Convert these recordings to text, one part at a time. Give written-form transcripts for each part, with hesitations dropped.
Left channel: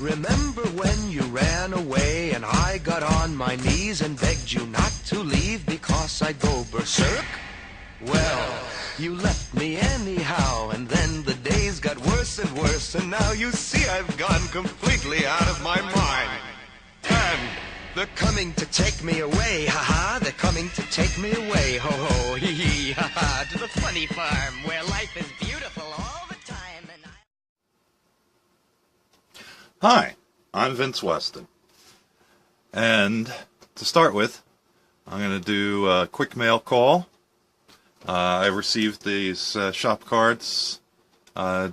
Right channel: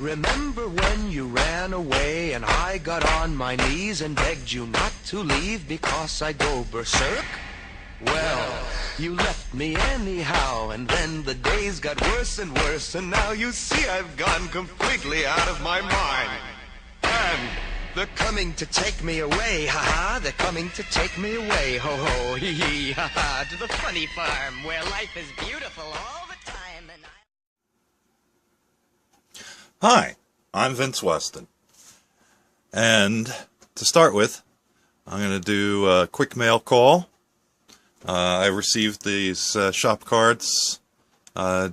Remember when you ran away and I got on my knees and begged you not to leave because I'd go berserk? Well, you left me anyhow, and then the days got worse and worse, and now you see I've gone completely out of my mind. And they're coming to take me away, ha-ha, they're coming to take me away, ho-ho, hee-hee, ha-ha, to the funny farm where life is beautiful all the time, and Hi, I'm Vince Weston, and to start with, I'm going to do a quick mail call. I received these shop cards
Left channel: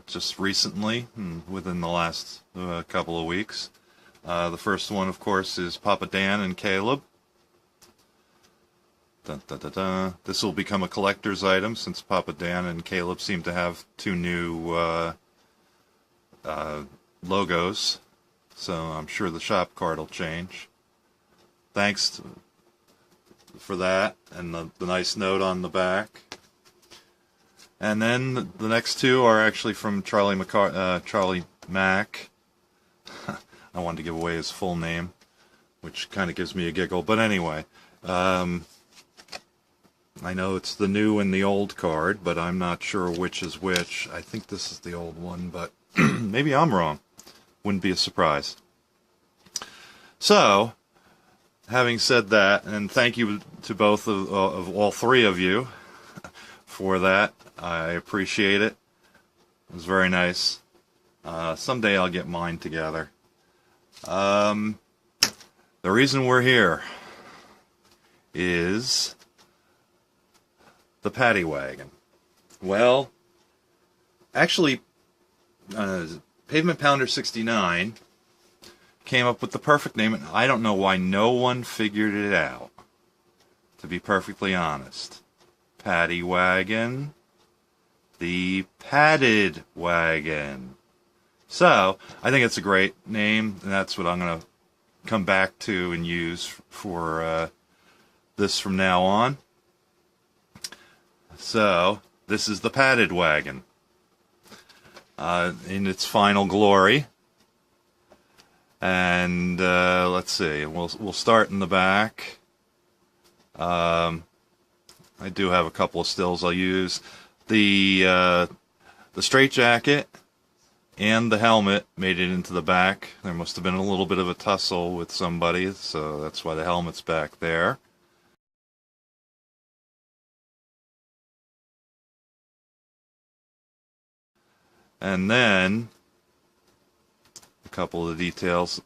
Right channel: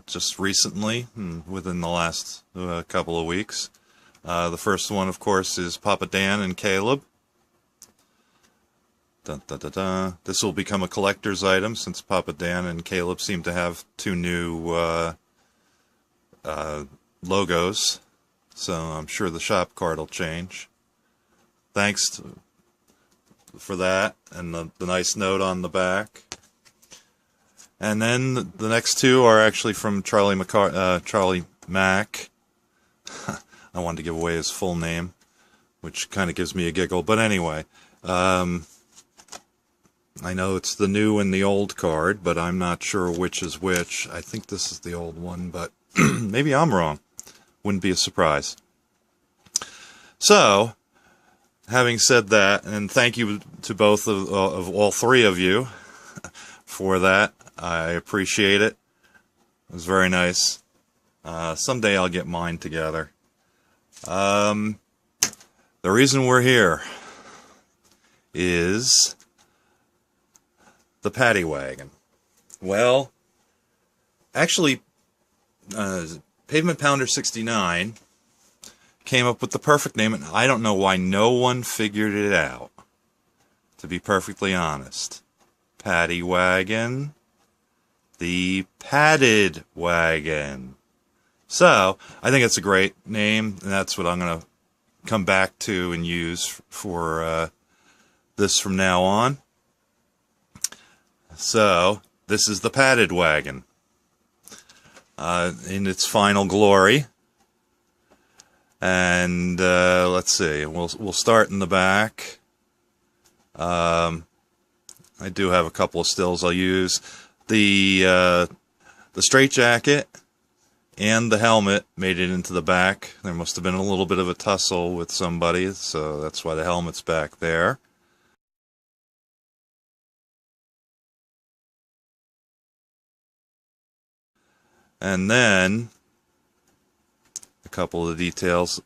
just recently, within the last couple of weeks. The first one, of course, is Papa Dan and Caleb. Dun, dun, dun, dun. This will become a collector's item since Papa Dan and Caleb seem to have two new logos, so I'm sure the shop card will change. Thanks for that, and the nice note on the back. And then the next two are actually from Charlie Mack. I wanted to give away his full name, which kind of gives me a giggle. But anyway, I know it's the new and the old card, but I'm not sure which is which. I think this is the old one, but maybe I'm wrong. Wouldn't be a surprise. So, having said that, and thank you to both of all three of you for that. I appreciate it. It was very nice. Someday I'll get mine together. The reason we're here is the Paddy Wagon. Well, actually, Pavement Pounder 69 came up with the perfect name, and I don't know why no one figured it out, to be perfectly honest. Paddy Wagon, the padded wagon. So, I think it's a great name, and that's what I'm going to come back to and use for this from now on. So, this is the padded wagon in its final glory. And let's see, we'll start in the back. I do have a couple of stills I'll use. The straitjacket and the helmet made it into the back. There must have been a little bit of a tussle with somebody, so that's why the helmet's back there. And then a couple of details.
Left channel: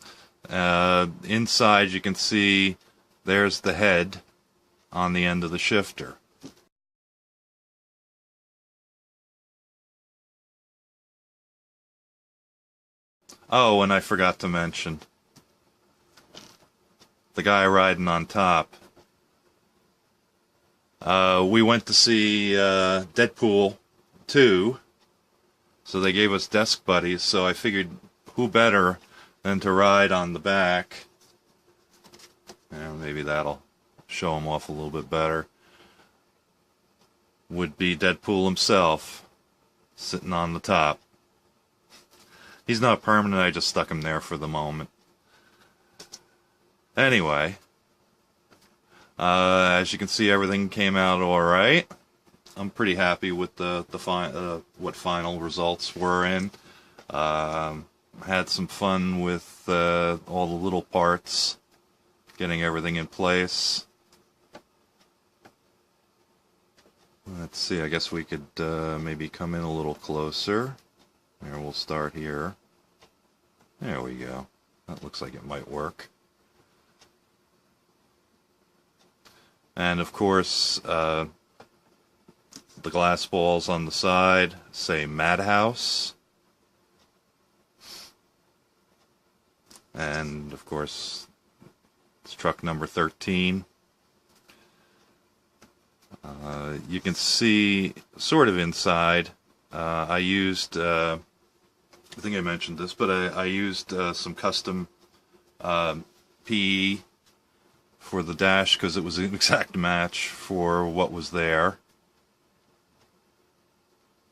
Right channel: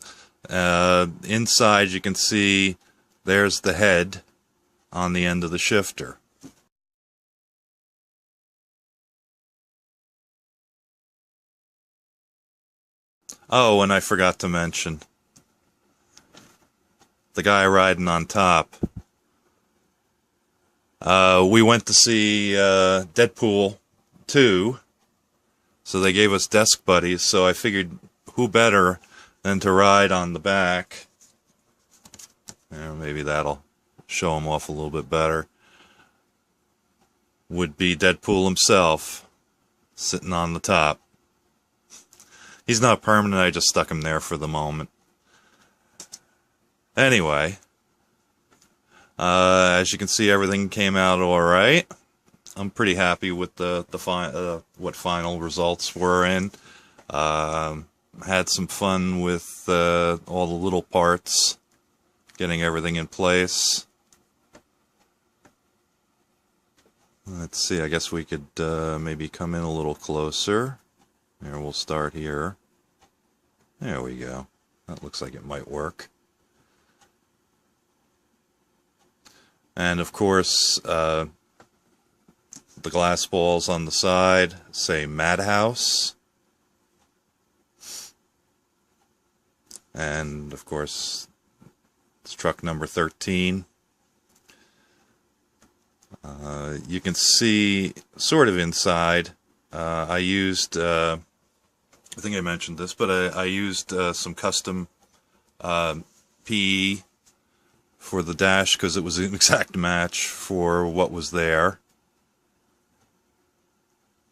Inside you can see there's the head on the end of the shifter. Oh, and I forgot to mention the guy riding on top. We went to see Deadpool 2, so they gave us desk buddies, so I figured who better than to ride on the back. Maybe that'll show him off a little bit better. Would be Deadpool himself, sitting on the top. He's not permanent, I just stuck him there for the moment. Anyway, as you can see, everything came out alright. I'm pretty happy with what final results were in. Had some fun with all the little parts, getting everything in place. Let's see, I guess we could maybe come in a little closer. Here, we'll start here. There we go. That looks like it might work. And of course, the glass balls on the side say Madhouse. And of course, it's truck number 13. You can see sort of inside. I used, I think I mentioned this, but I used some custom PE for the dash because it was an exact match for what was there.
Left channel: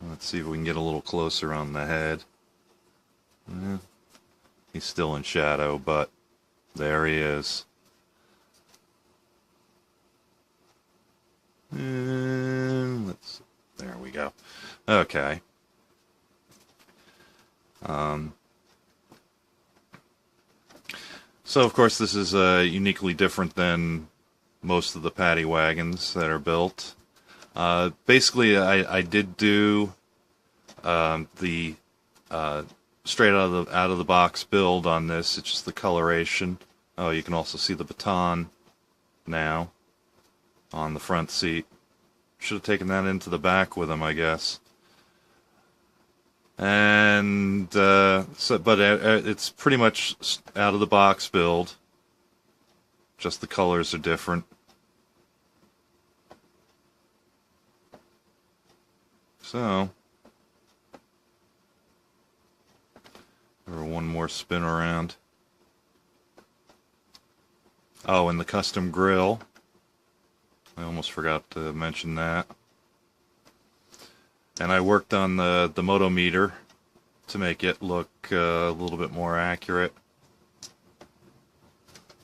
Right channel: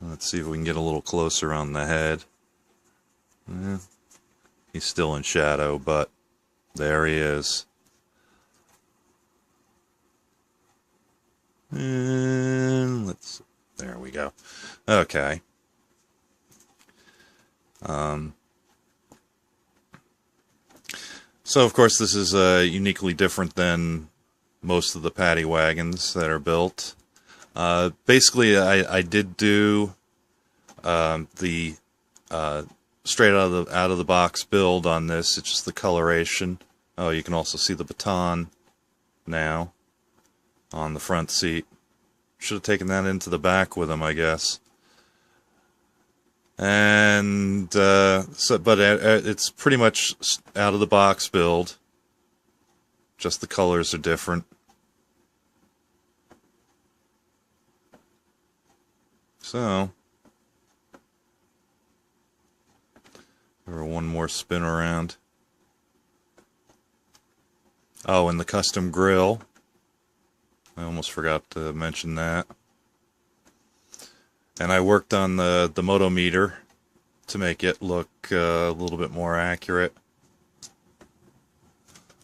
Let's see if we can get a little closer on the head. He's still in shadow, but there he is. And there we go. Okay. So of course this is uniquely different than most of the paddy wagons that are built. Basically, I did do the straight out of the box build on this. It's just the coloration. Oh, you can also see the baton now on the front seat. Should have taken that into the back with him, I guess. And but it's pretty much out of the box build. Just the colors are different. So, one more spin around. Oh, and the custom grill. I almost forgot to mention that. And I worked on the motometer to make it look a little bit more accurate.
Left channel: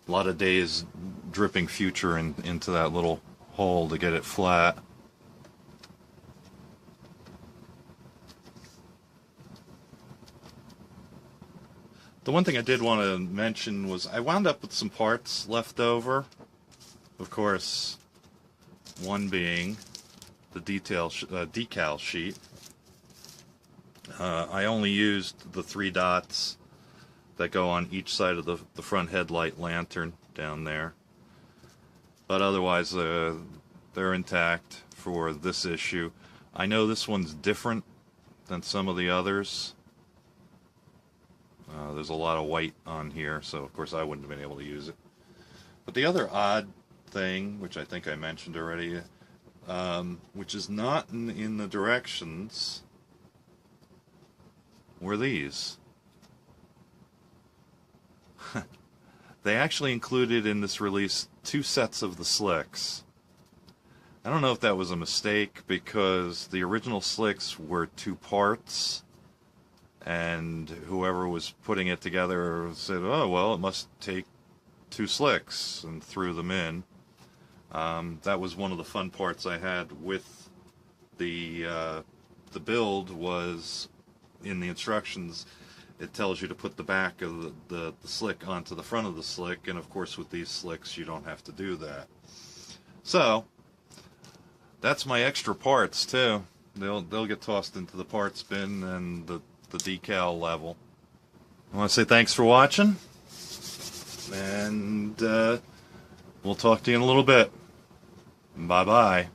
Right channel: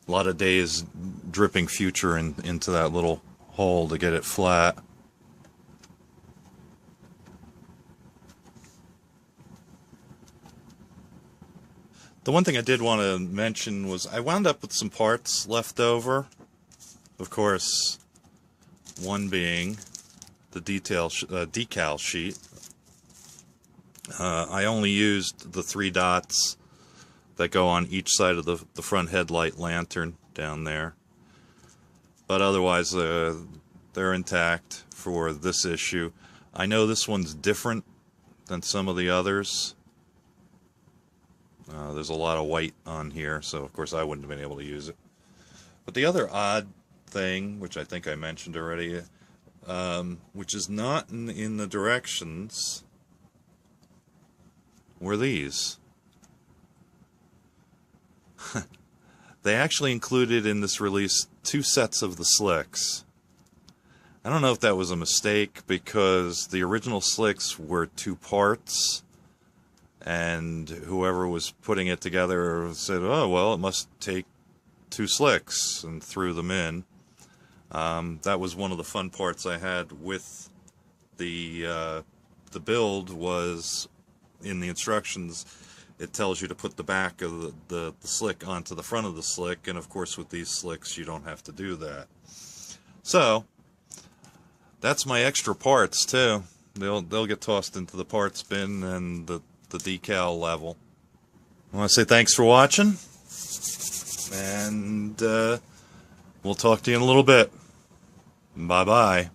A lot of days dripping future into that little hole to get it flat. The one thing I did want to mention was I wound up with some parts left over. Of course, one being the decal sheet. I only used the 3 dots that go on each side of the front headlight lantern down there. But otherwise, they're intact for this issue. I know this one's different than some of the others. There's a lot of white on here, so of course I wouldn't have been able to use it. But the other odd thing, which I think I mentioned already, which is not in the directions, were these. They actually included in this release 2 sets of the slicks. I don't know if that was a mistake, because the original slicks were 2 parts, and whoever was putting it together said, oh, well, it must take 2 slicks, and threw them in. That was one of the fun parts I had with the build, was in the instructions it tells you to put the back of the slick onto the front of the slick, and of course with these slicks you don't have to do that. So that's my extra parts too. They'll get tossed into the parts bin and the decal level. I want to say thanks for watching, and we'll talk to you in a little bit. Bye bye.